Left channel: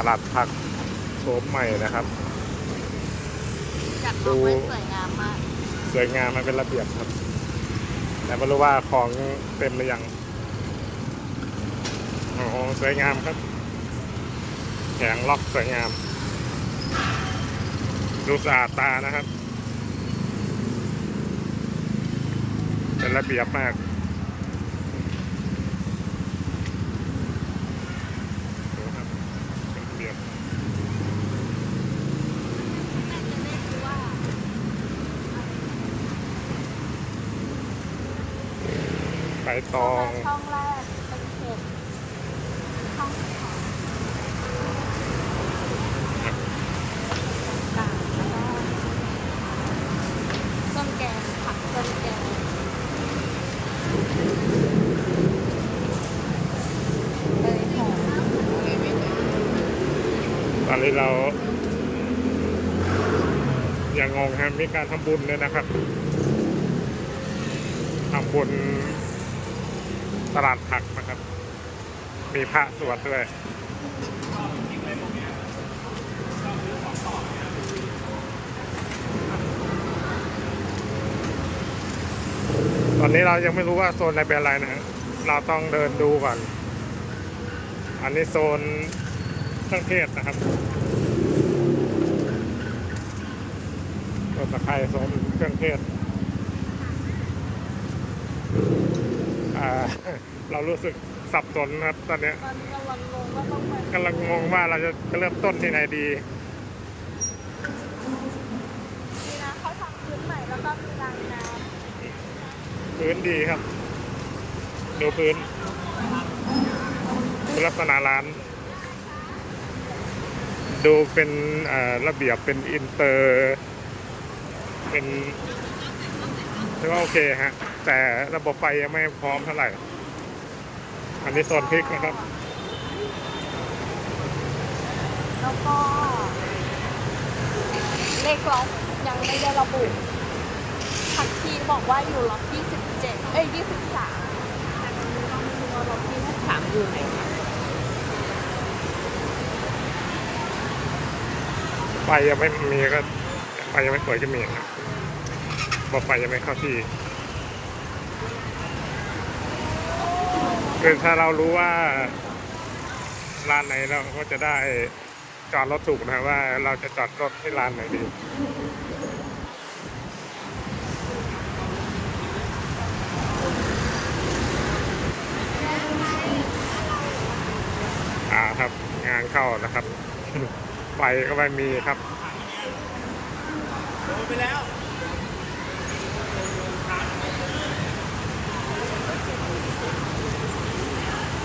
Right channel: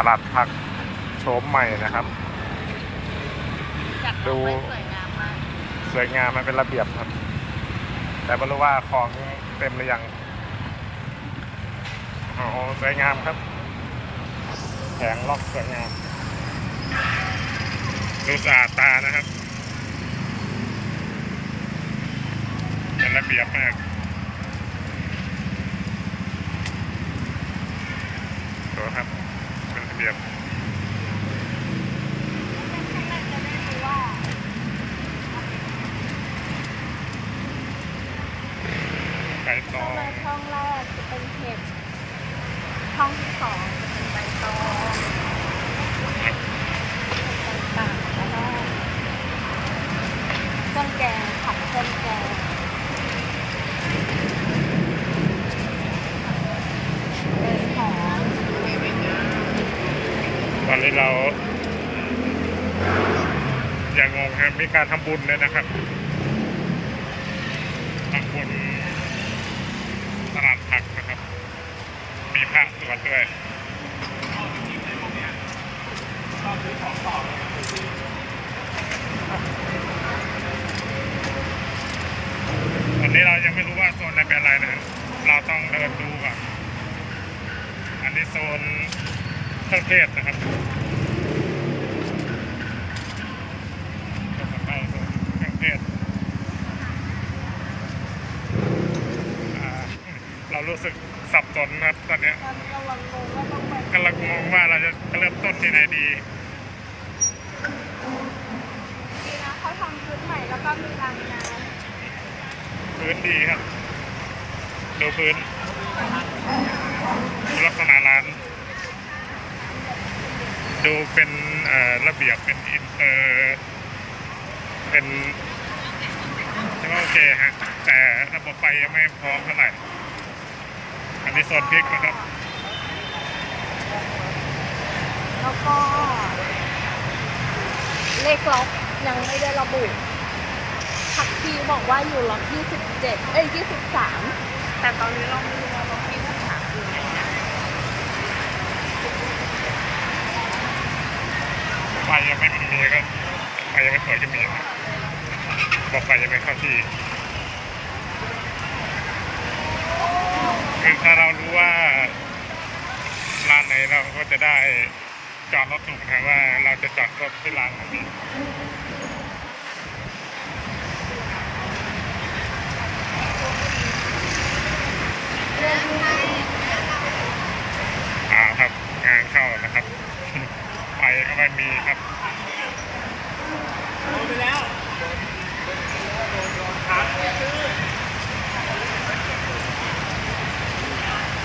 ตลาดผักโฉมใหม่นะครับ จัดดูมาไว้สวยงามมากสวยงามมันเป็นระเบียบครับ แต่ไม่รู้ว่าของเต็มหรือยังโอ้โหสวยงามครับแผงล็อกสวยงาม ดูสะอาดตานะครับ เป็นระเบียบมาก ดูครับ เปรียบใบตอง ช่องแรกเป็นเห็บช่องที่สองเป็นใบตอง ครับ เครื่องแกงของเครื่องแกงเป็นของ ตอ นนี้เรา อย่างงงครับมีการทำบุญด้วยนะครับทำบุญตลาดผักนะครับ มีพระสวดด้วยตอนนี้เรายังไม่รู้ว่าโซนอะไหนเป็นอะไรนะฮะเราต้องเดินดูก่อน อันนี้โซน เครื่องเทศนะครับเป็นสะพายโซนเครื่องเทศ เรารู้สึกสับสนนะครับตอนนี้กำลังมองว่าเราจะเริ่มต้นที่ไหนดีพื้นใหม่แล้วก็มีร้านน้ำพื้นดีครับ ดูพื้นดูลักษณะร้าน ดูเป็นระเบียบเป็นอินเตอร์ เป็นถือว่าโอเคฮะ แต่ระบบไฟยังไม่พร้อมเท่าไหร่ อันนี้โซนพริกนะครับเลขล็อกยังไม่ได้ระบุทักทีบอกว่าอยู่ล็อก27เอ้ย23 แต่ตอนนี้เราไม่รู้ว่าล็อก23อยู่ไหนนะ ไฟยังไม่มีก็ไฟยังไม่เปิดก็มีครับอกไฟยังไม่เข้าที่คือถ้าเรารู้ว่าร้านไหนเราก็จะได้จอดรถถูกนะครับว่าเราจะจอดรถที่ร้านไหนดีอ่าครับงานเข้านะครับ ไฟก็ไม่มีครับ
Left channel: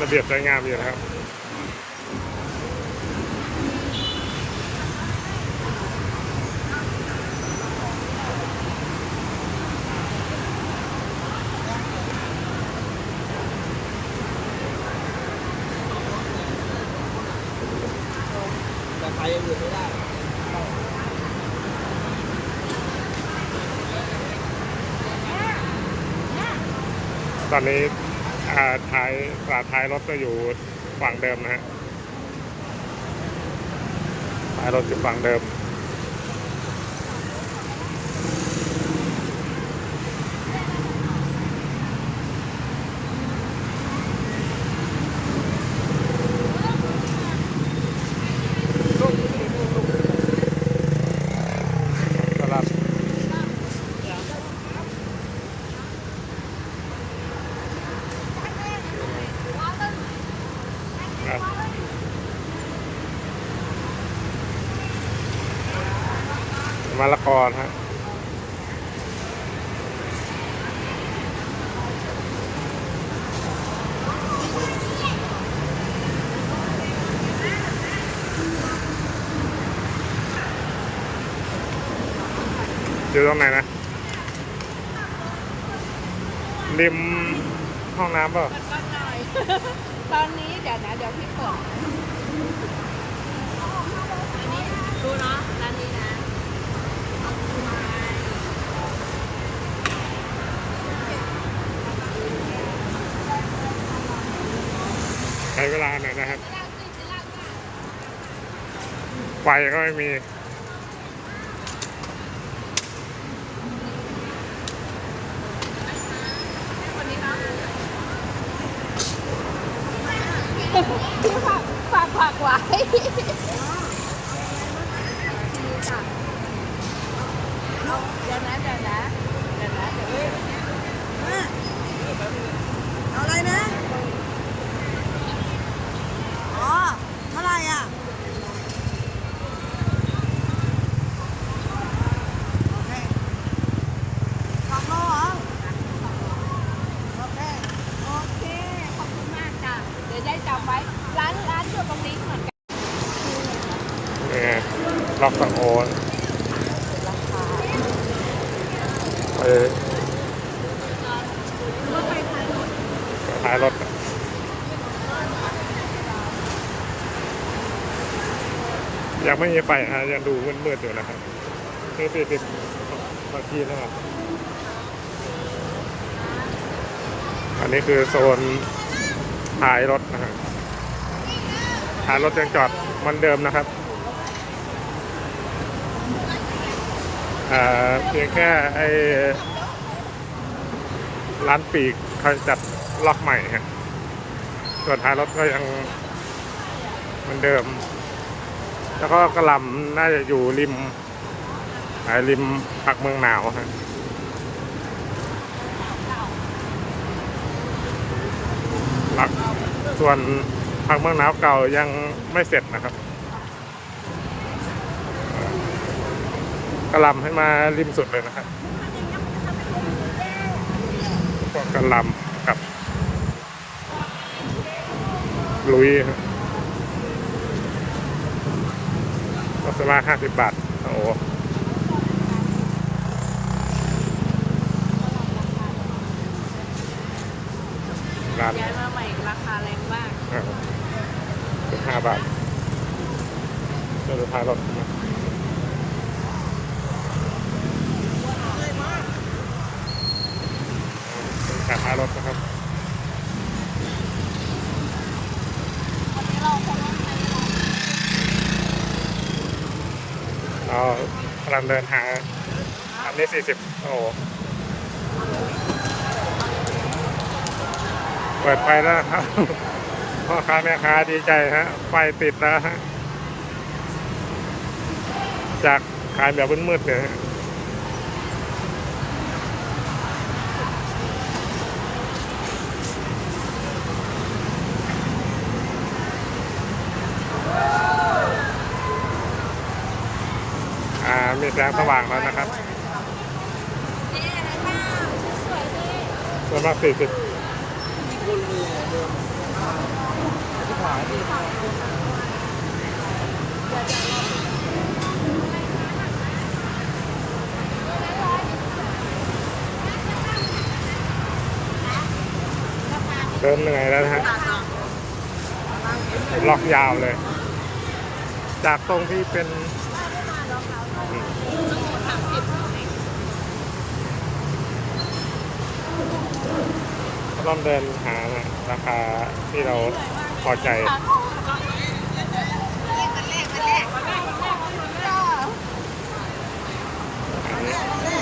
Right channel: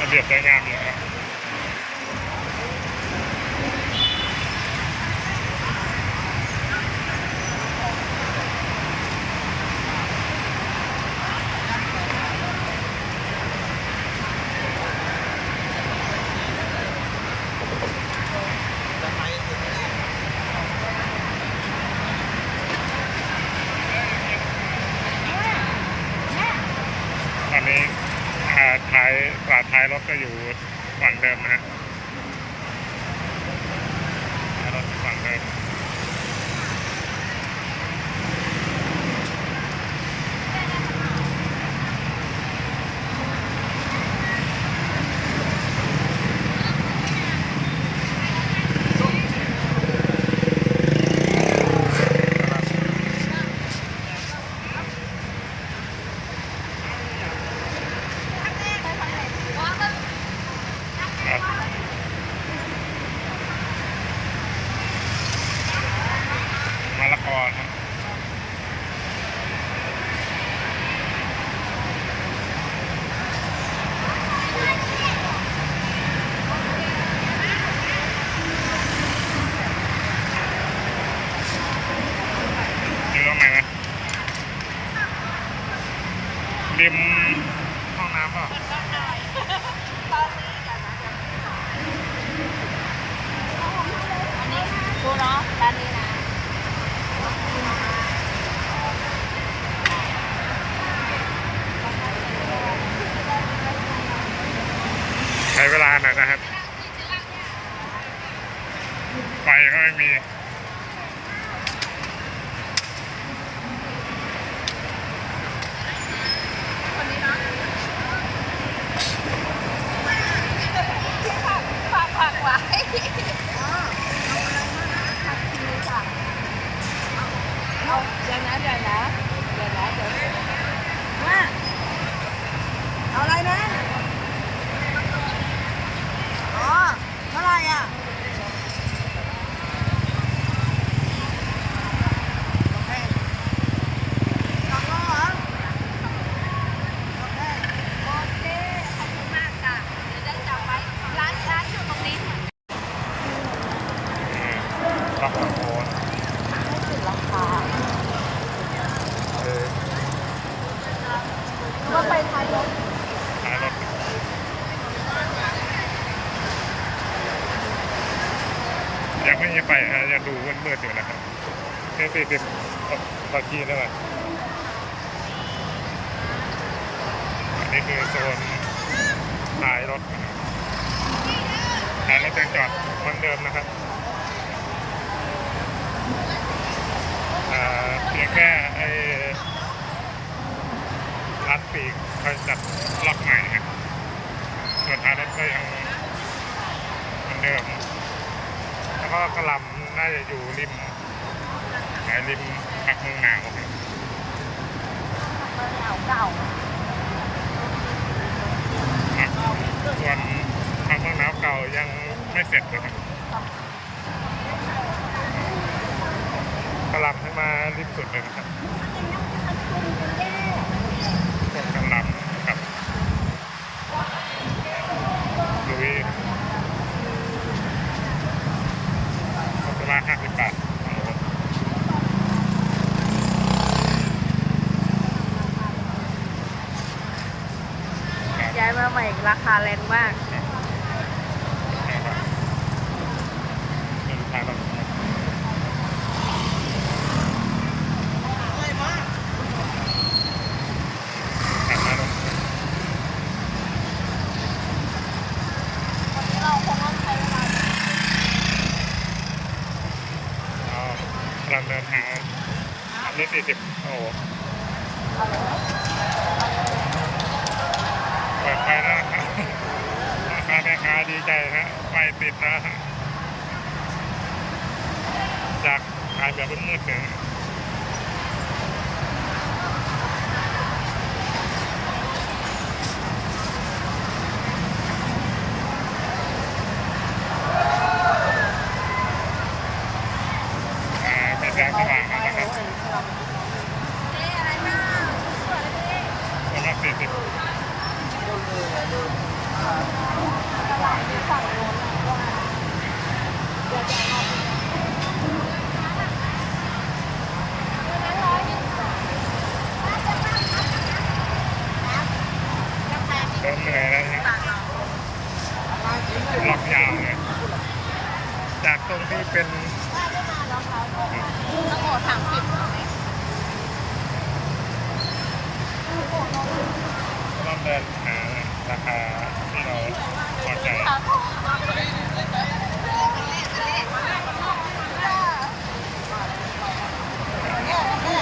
ระเบียบสวยงามอยู่นะครับ อนนี้ท้ายตลาท้ายรถก็อยู่ฝั่งเดิมนะฮะท้ายรถอยู่ฝั่งเดิม ตลาดครับมะละกอ นะฮะอยู่ตรงไหนนะริมห้องน้ำเปล่าตอนนี้เดี๋ยวนะเดี๋ยวพี่ขวดอันนี้ดูเนาะร้านนี้นะ ใช้เวลาหน่อยนะครับ ไฟก็ไม่มี ไม่ไฟฮะยังดูมืดๆอยู่นะครับนี่สี่สิบตะกี้นี่แหละอันนี้คือโซนท้ายรถนะฮะท้ายรถยังจอดเหมันเดิมนะครับเพียงแค่ไอ้ร้านปีกเขาจัดล็อกใหม่ครับส่วนท้ายรถก็ยังเหมือนเดิม แล้วก็กระหลำน่าจะอยู่ริมไอ้ริมผักเมืองหนาวครับเก่าผักส่วนผักเมืองหนาวเก่ายังไม่เสร็จนะครับกระหลำให้มาริมสุดเลยนะครับพวกกระหลำกับลุยครับ ก็เป็นละห้าสิบบาท โอ้โหร้านย้ายมาใหม่ราคาแรงมากสิบห้าบาทไม่รู้พายรถทำไมขับมารถนะครับ เราคงต้องใช้เวลา เรากำ ลังเดินหาอันนี้สี่สิบโอ้โหเปิดไฟแล้วครับพ่อค้าแม่ค้าดีใจฮะไฟติดแล้วฮะจากขายแบบมืดๆเลยฮะอ่า มี แสงสว่างแล้วนะครับประมาณสี่สิบเดินเหนื่อยแล้วนะฮะล็อกยาวเลย จากตรงที่เป็น อืมต้องหมดสามสิบใช่ไหมก็ต้องเดินหานะราคาที่เราพอใจ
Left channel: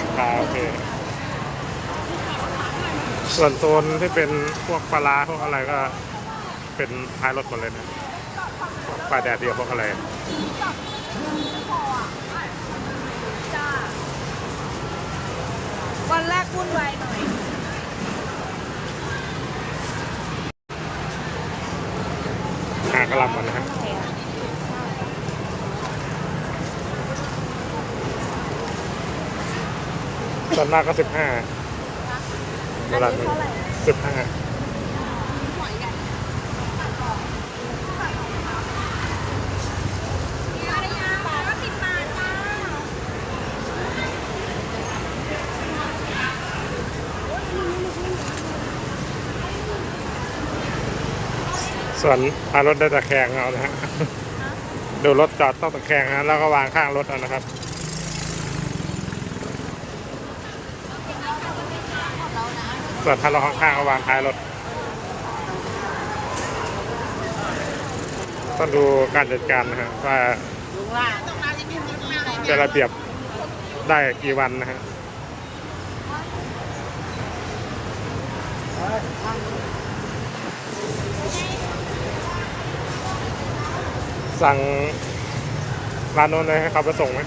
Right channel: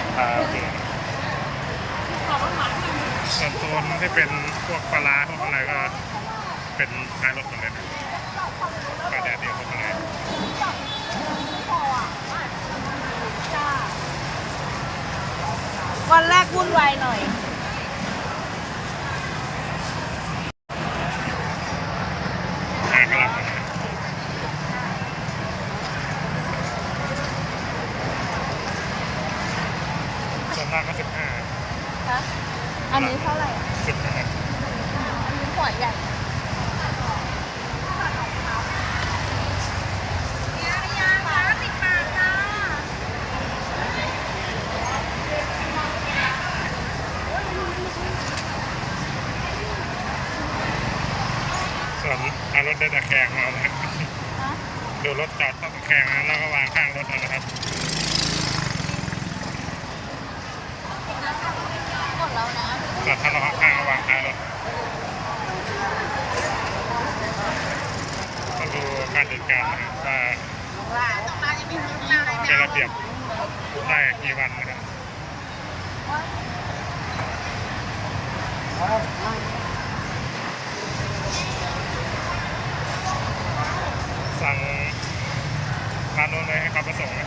ราคาโอเค ส่วนโซนที่เป็นพวกปลาร้าพวกอะไรก็เป็นท้ายรถหมดเลยนะพวกปลาแดดเดียวพวกอะไร วันแรกวุ่นวายหน่อย หากระหลำมันนะฮะส่วนมากก็สิบห้า อั ระ น ดับ นี้ สิบห้า หัวใหญ่ปิดงานนะ ส่วนท้ายรถได้ตะแคงเอานะฮะดูรถจอดต้องตะแคงนะแล้วก็วางข้างรถเอานะครับหมดแล้วนะส่วนถ้าเราข้างๆก็วางท้ายรถต้องดูการจัดการนะว่าลุงว่าเป็นระเบียบได้กี่วันนะครับ สั่งร้านโน้นเลยให้เขาไปส่งไหม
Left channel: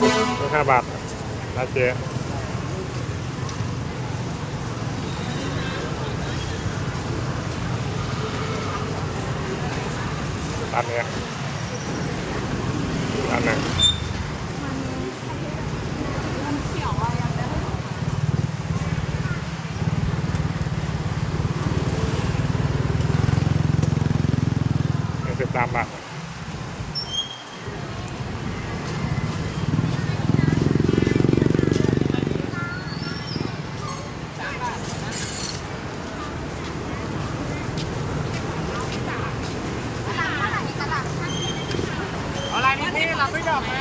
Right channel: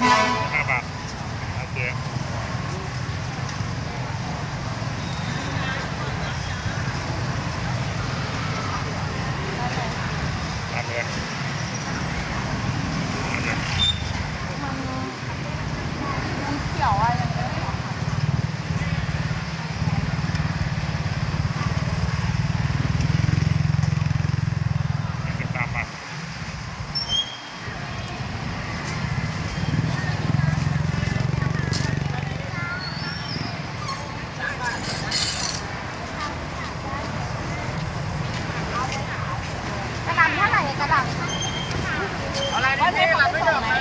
นี่ห้าบาทนะเจ๊ร้านเนี้ยร้านนั้น มันเขียวอะยังได้หรอคะ หนึ่งจุดสามบาท กระดังเท่าไหร่กระดัง อะไรนะเจ๊หลังไม่จบไหม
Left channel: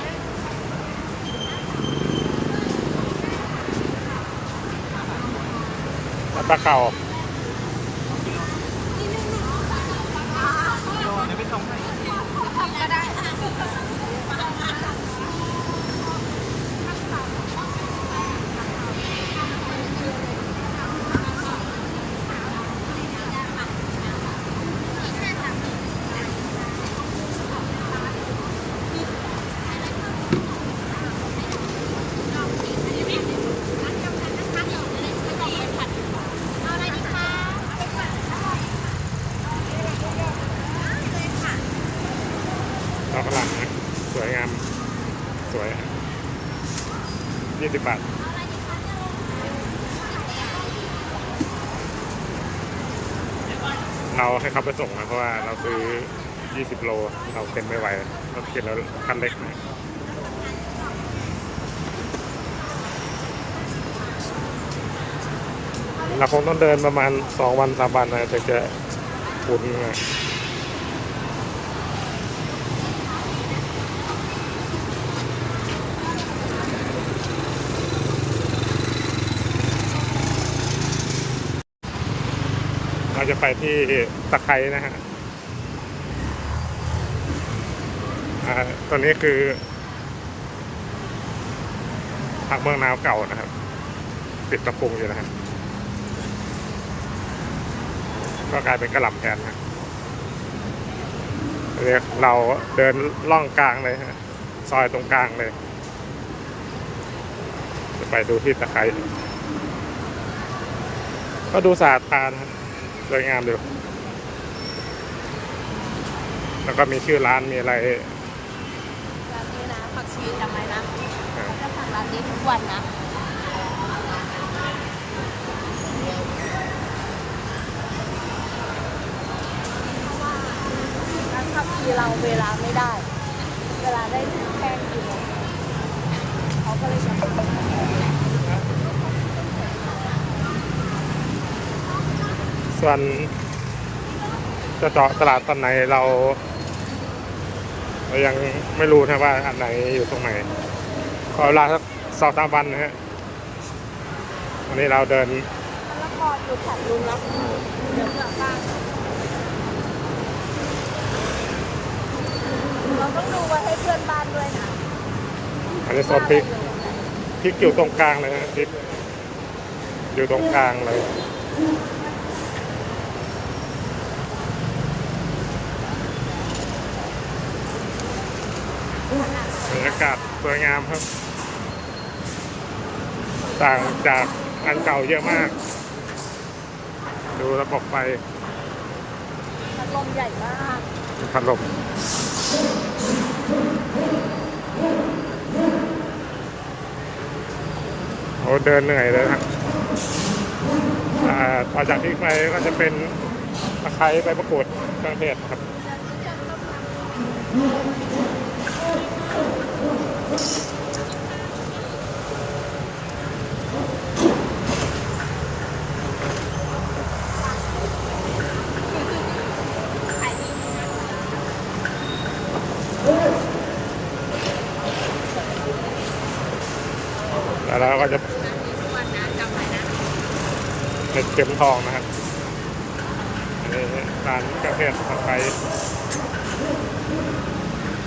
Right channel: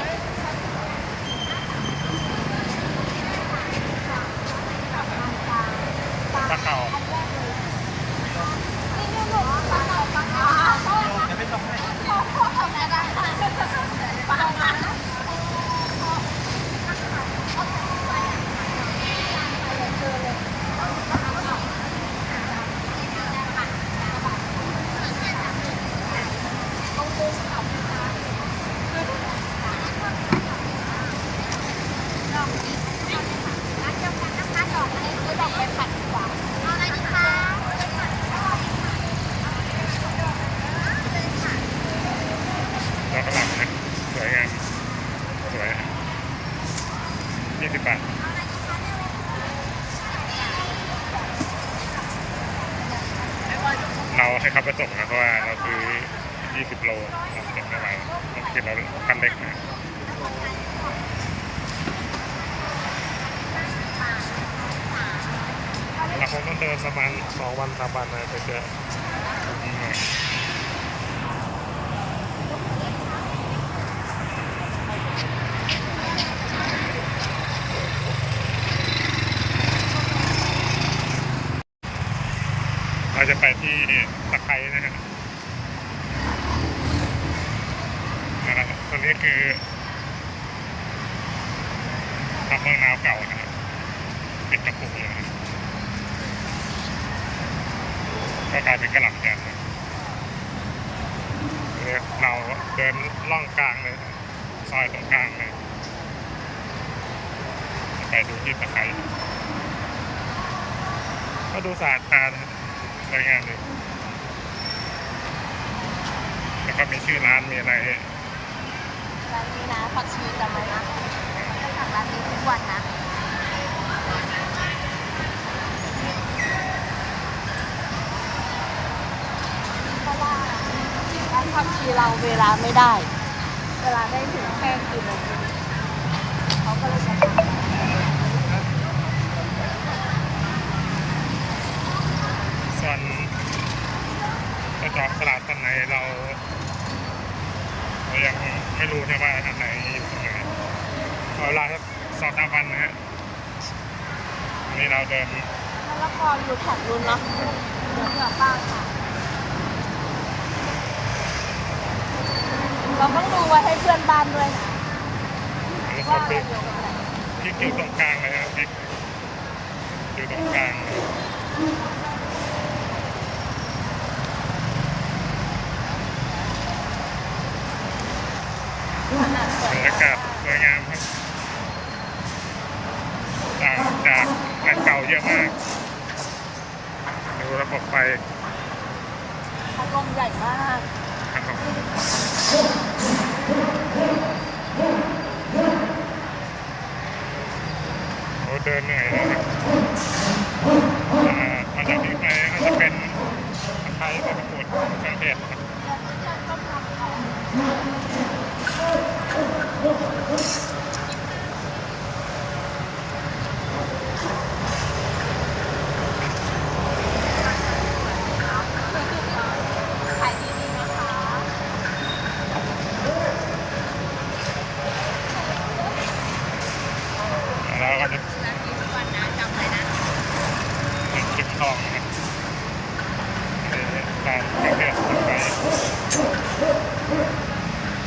ปลาเก่า ก็ได้ค่ะ ดอกกระหล่ำนะสวยงาม สวยยี่สิบบาท เราให้เขาไปส่งนะเพราะว่าเราซื้อ 20 โล เราเก็บไม่ไหวเราเก็บเราคันเล็กนะเราคงต้องเดินประมาณ 2 วันสามวันนะจะเจะคุ้นไง เราจะไปที่ตะไคร้นะฮะตอนนี้คือผักเมืองนาวเก่านะครับ ปิดกระพุงอยู่นะครับก็กลายเป็นกระหล่ำแทนนะเนี่ยเราเดินล่องกลางเลยซอยตรงกลางเลย จะไปดูที่ตะไคร้ก็ดูสะอาดตานะครับ สวยงามดูแล้วก็มีชื่อร้านมีอะไรร้านนี้นะผักชีจำไว้นะจะสั่งร้านนี้ทุกวันนะเพราะว่าร้านผักชีเราเวลาไม่ได้ เวลาได้ถึงแค่กิโลเขาก็เลยใช้ ส่วนจะเจาะตลาดตอนไหนเราเรายังไม่รู้นะว่าอันไหนอยู่ตรงไหนขอเวลาสักสองสามวันนะฮะวันนี้เราเดินแล้วก็ดูแถบรุ่นเนาะเอ่อเดี๋ยวกลับบ้านค่ราต้องดูไว้ให้เพื่อนบ้านด้วยนะอันนี้โซนพริกพริกอยู่ตรงกลางเลยนะพริกอยู่ตรงกลางเลย บรรยากาศสวยงามครับ ต่างจากอันเก่าเยอะมาก ดูระบบไฟพัดลมใหญ่มากพัดลมโอ้เดินเหนื่อยเลยนะต่อจากนี้ไปก็จะเป็นตะไคร้ใบมะกรูดเครื่องเทศนะครับ แล้วเราก็จะเป็นเข็มทองนะครับร้านเครื่องเทศตะไคร้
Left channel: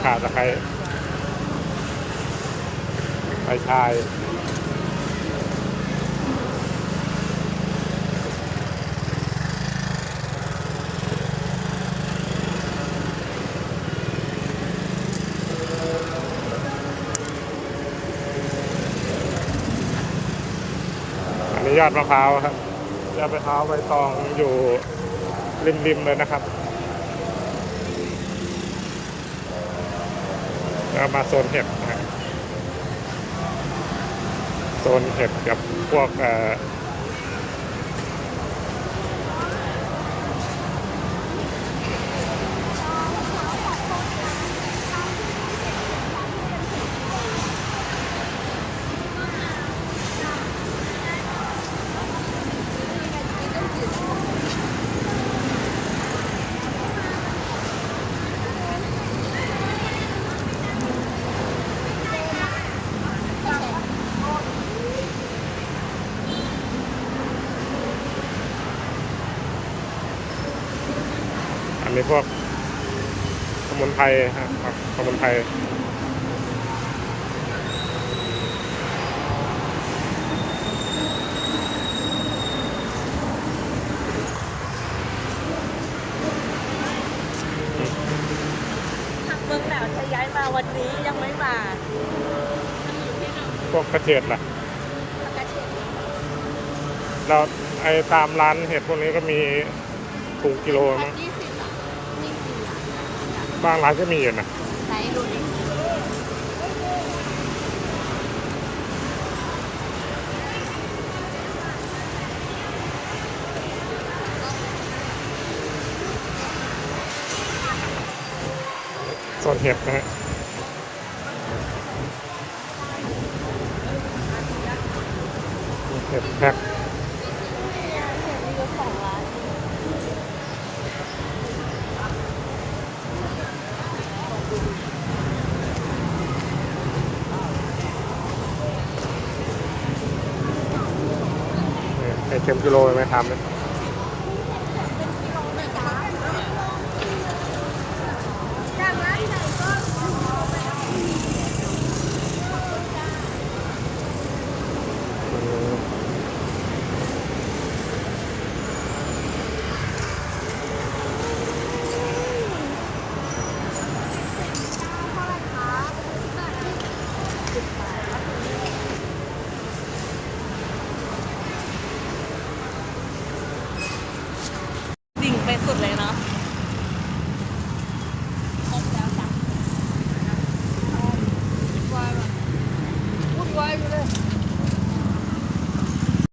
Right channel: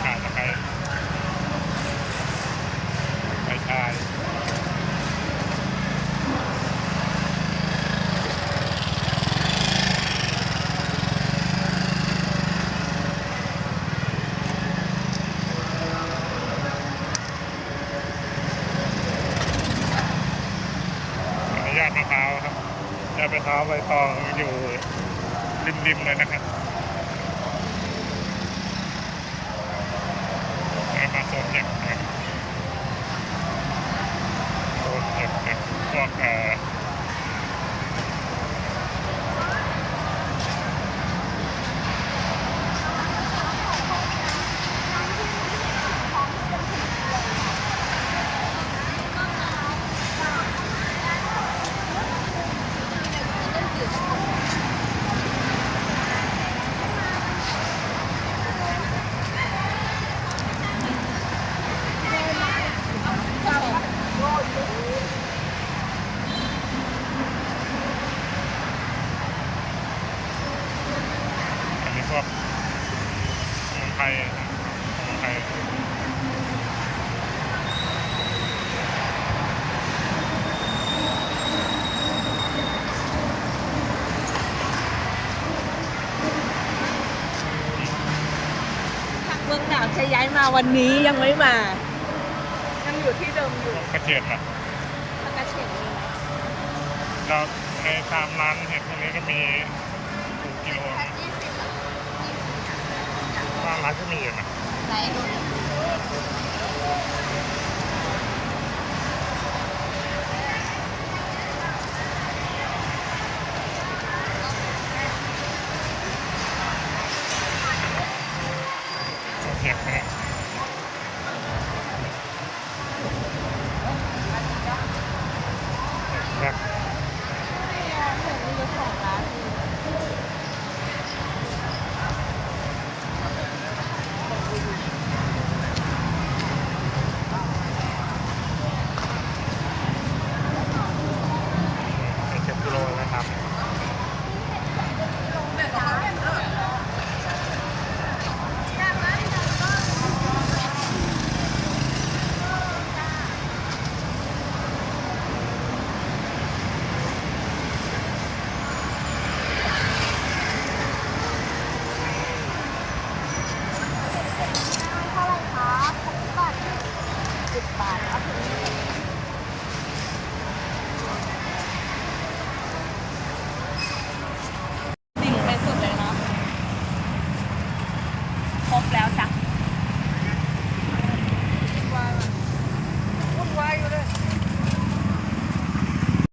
ขาตะไคร้ ใบชายอันนี้ยอดมะพร้าวครับยอดมะพร้าวใบตองอยู่ริมๆเลยนะครับมาโซนเห็ดนะฮะ โดนเห็ดกับพวก สมุนไพรครับสมุนไพรผักเมืองหนาวจะย้ายมาวันนี้ยังไม่มายังอยู่ที่เดิมอยู่พวกกระเฉดล่ะมันกระเฉดเราไอ้ตามร้านเห็ดพวกนี้ก็มีถูกกิโลนะ ยี่สิบ บานร้านก็มีอยู่นะใช้ดูดิโซนเห็ดนะฮะเห็ดแคเห็ดเต็มกิโลเลยไหมครับ